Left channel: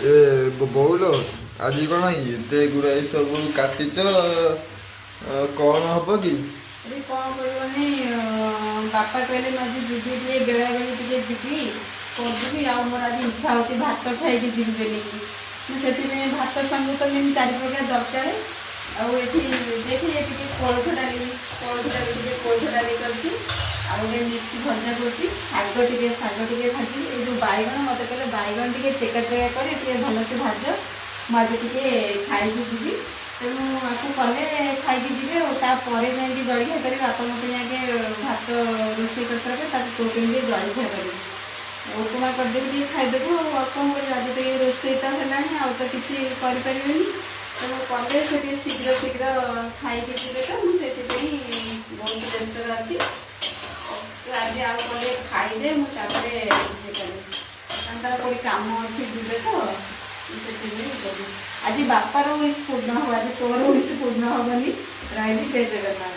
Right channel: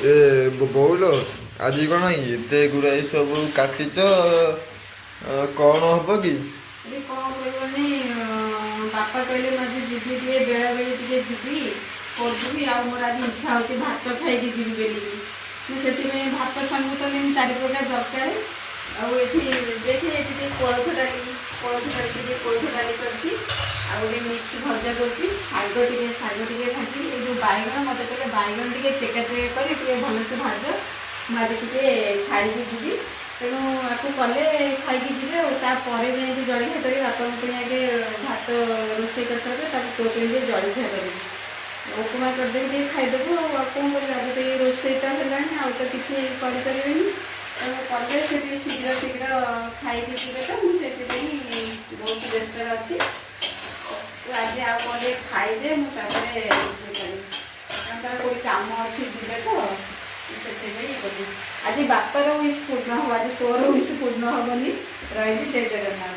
ए ବୋଉଲୋ ଆଜି କଣ ଏତେ ଗୁଡ଼ାଏ ସବୁ କାଟିଛ କଣ ହବ କି? ଆରେ କଣ କରିବନି ବାପା କହିଲେ ମତେ ଯିବି ଟିକେ ବେଳାବେଳି ଟିକେ ଯିବି କରିଦେବି ଆଉ ମୋର ଆଜି ଇଚ୍ଛା ହେଉଛି ଭାତ ଖାଇକି ଯିବି ବୋଲିକି ମୁଁ ସେଥିପାଇଁ ଭାତ ସାଙ୍ଗକୁ ତ ମେନ୍ 4 ପ୍ରକାର ଦରକାର ଆଉ ଏଠି ଦେଖି ଏଠି ଟିକେ କୋଳଥ ଡାଲି ଟିକେ କୋଳଥ ଡାଲି କରିଛି ଆଉ ଗୋଟେ ମିକ୍ସ ଭଜା କରୁଛି ଶାଗ ଟିକେ ଭାଜିବି ଏଇ ଯେଉଁ ବାଇଗଣ ମୋତେ କହିଲେ ବାଇଗଣ ଟିକେ ଚେକା ଚେକା କରି ଟିକେ ଭଲସେ ଭାଜ ମୁଁ ଆଜି ଟିକେ ଖାଇକି ଯିବି ତେଣୁ ଆକୁ କଲେ ଖାଇକି ଯିବେ ଆଉ ତାପରେ ଯାଇକି ଜଳଖିଆ କରି ବାପାଙ୍କ ପାଇଁ ଆଗେ ଭାତ ରୋଷେଇ କରିସାରିଲେ ତାକୁ ତୋ ପାଇଁ ଟିକେ ଜଳଖିଆ କରିବି ଉପମା କରିଦେବି ଟିକେ ଖାଇଦେବୁ ଆଉ କ'ଣ କରିବା ଆଜି ଟିକେ ରୋଷେଇ ତ ହେଲାଣି ଆଉ ତ କିଛି କରିପାରିବେନି ତେଣୁ କଲେ ସେ ଟିକେ ଶୀଘ୍ର ଖାଇକି ଯିବେ ତ ମୁଁ ସେଥିପାଇଁ ବହୁତ ବ୍ୟସ୍ତରେ ଅଛି ତ ଆଜି ଆଉ କଲେ ଖାଇଲେ ମୁଁ ତାପରେ ରୋଷେଇ କରିବି ତାଙ୍କର କୋଉଠି କାମ ଅଛି ଯିବେ ତ ସେଥିପାଇଁ କଲି ଆଜି ବାପାର ୱିଶ୍ ପୂର୍ଣ୍ଣ ହବ ଆଜି ତୋର ୱିଶ୍ ପୂର୍ଣ୍ଣ ହବନି ରହିଲି ଜୟ ଜଗନ୍ନାଥ।